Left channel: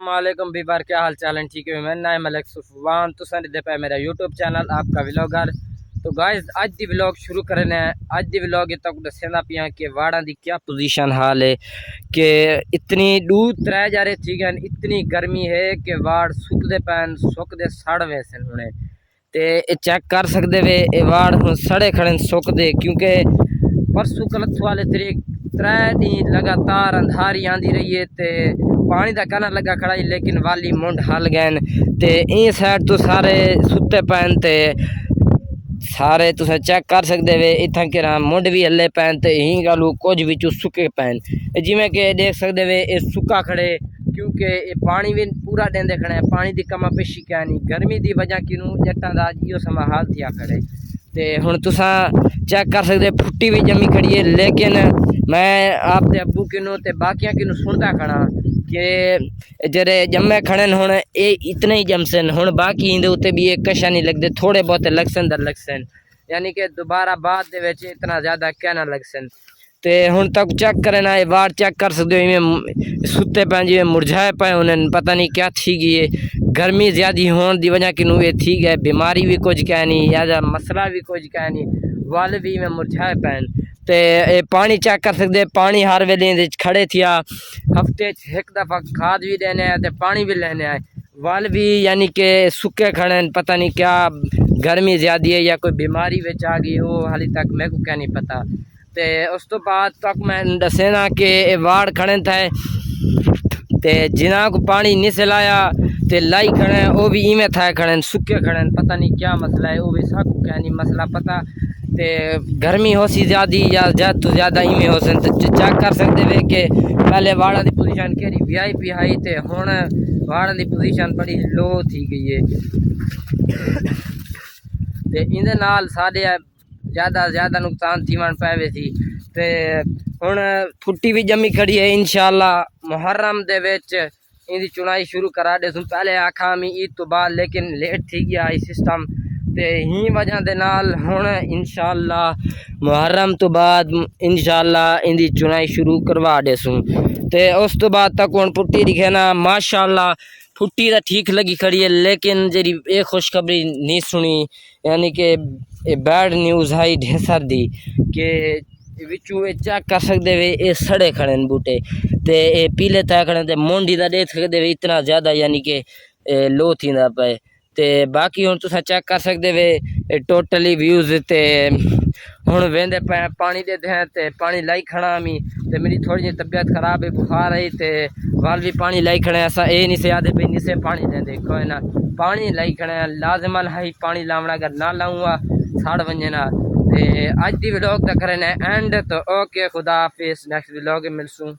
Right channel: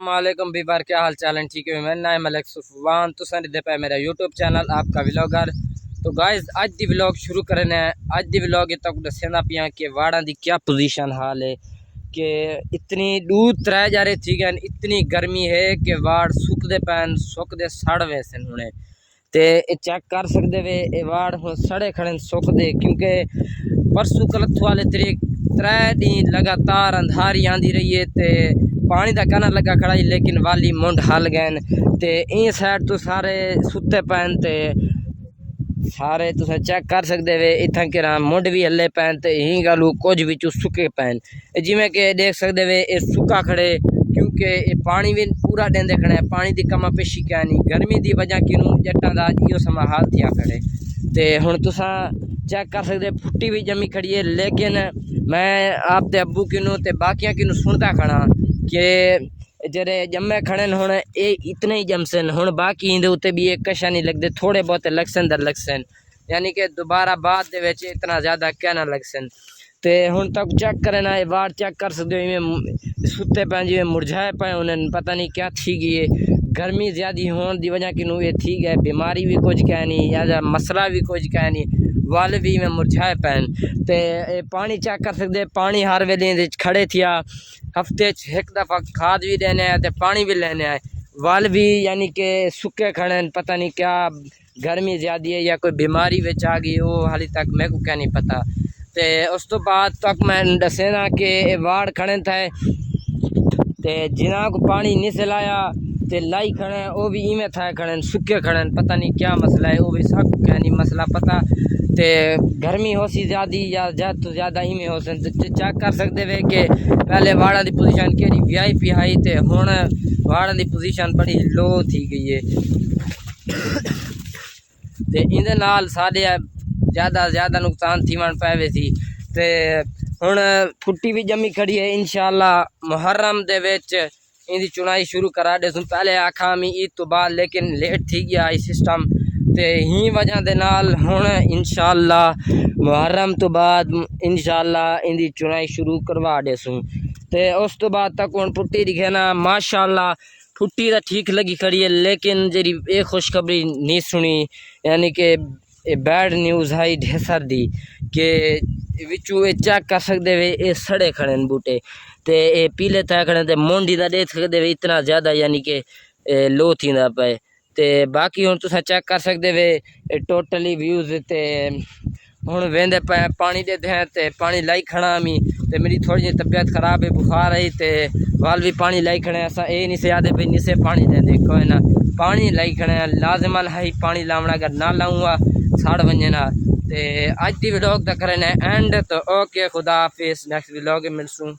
वालेकुम बीबार, क्या हाल चाल है? ठीक है, मैं नाम मलिक सुफवान तो दे पे मेरा यूट्यूब चैनल आपका व्लॉगर। तो गाइस अज दी व्लॉग शुरू करना है। अज दी व्लॉग तक दसना पिया कि वाड़ा दी क्या पोजीशन हाल है कि इतनी दूध त्रै जारे थी गए, इतनी गर्मी है कि वाड़ सुकते पैन सुकते सड़ वैसे हुणे ते चेक कर सकते वे ये वाड़ हूँ सड़े खड़े सुकते, क्योंकि परसों कलत्थू वाले तरीक त्रै दिन लगातार अंधारी आंदी रही है ते पानी का कहना लगा खड़ा ही, लेकिन वाली मुंड हल गए ते इन साइड तो सारे सुते पैन ते सारे तुस चेक कर सकते वे इतना कि मुंड भी हले पैन ते ही गलू कुछ भी सुके पैन जिमें कि देख सकते वे ये सुका खड़े, क्योंकि ये पानी भी पूरा देंदे खड़े हैं। पानी की कमा पेशी क्या नहीं, गर्मी की वजह किनू जट्टां दा इहो समा हाल थिया खड़े ते हुण तुसा चेक कर सकते फुट्टी भी जमी खड़ी है। लेकिन मैं आपके अब्बू किनू ते बाकियां किनू सुनता खड़ा कि जरे जम्मे खड़े हुण ये इतने ही जमसन, हुण बाकी इंदे उत्ते भी एक कशा नहीं लगते, थोड़े बहुत लगसन दर लगसन, यानी कि दोबारा बाद दे विच इतना ज़्यादा क्या ना लगसन। ते हुण तक चेक करना है वार चेक कर सकते हो, इवें सुते पे जिवें मुरझाए पे उन्हें पता नहीं क्या थी गई है। गर्मी ज़्यादा होने की वजह किनू ये थी गए, बीमारी भी कुछ कह नहीं या मसला भी कुछ कह नहीं, वाल भी में मुरझाए पैन ते पानी चेक कर सकते। पानी हर वेले खड़े थिया, हफ्ते एक दफ़ा खाद भी देने आए तो पानी भी लेने आए, वाल भी यानी कि सुके खड़े, पता नहीं क्या गर्मी ज़्यादा है या कोई बीमारी विच आ गई, वो हाली तक मेरे को क्या नहीं पता। ते उस तो बाद तक मैं दसेना कि वाड़ खड़े थे ते जिन्हों को पानी नहीं सिलाया ते लाई खड़े वो भी इवें था खड़े सुके खड़े, पता नहीं क्या मसला है, वो भी सब क्या नहीं मसला पता। ते गर्मी हो सी ज़्यादा या ज़्यादा तो ज़्यादा इवें हो सन, तो चेक कर सकते वे कि पहले वाड़ा की पोजीशन केड़ी VIP हाई ते हुण वाड़ा की पोजीशन बड़ी लो थी गई है ते इंदे नाल साडे ज़्यादा नुकसान थीवन पवे सी। ते हुण फुट्टी भी जमी खड़ी है, इंशाअल्लाह मुहर्रम दे विच इनकी चुनाई शुरू करा दे। पहले आखा मैं ईद तो बाद, लेकिन लेट थी गया सिस्टम ते ही वजह दे नाल हुण इंशाअल्लाह मुहर्रम तो बाद इंशाअल्लाह इनकी चुनाई शुरू करवा देसूँ। ते उस तो बाद तक हुण फुट्टी दिखे ना माशाअल्लाह फुट्टी तो ठीक लगी खड़ी है, लेकिन जी ये खुशखबरी नहीं सुनी, यानी कि बैड न्यूज़ आई ढेसर दी कि विचू चेक कर सकते वे ये सड़े खड़े बूटे ते ये पीले थे खड़े ते मोंडी का देख सकते वे इतना ज़्यादा यानी कि लो थी पे ते बाकी हुण तुस चेक कर सकते वे टोटली व्यूज़ ते हुण वेंदे पे पानी दे दें ते पानी लाई खड़ा मी ते मेरी थोड़ी जी तबीयत खराब है, बुखार आई ते वाल भी पानी लाई खड़े असा ये नहीं से आदे भी नहीं से पानी देंदे कोई ना पानी लाई खड़े लाजमल है पानी लावना, अगर ना लाऊंगा सड़ वजे ना। ते अज की व्लॉग तक करना एंड तो ओके खुदा हाफिज़, नेक्स्ट व्लॉग मिलसूँ।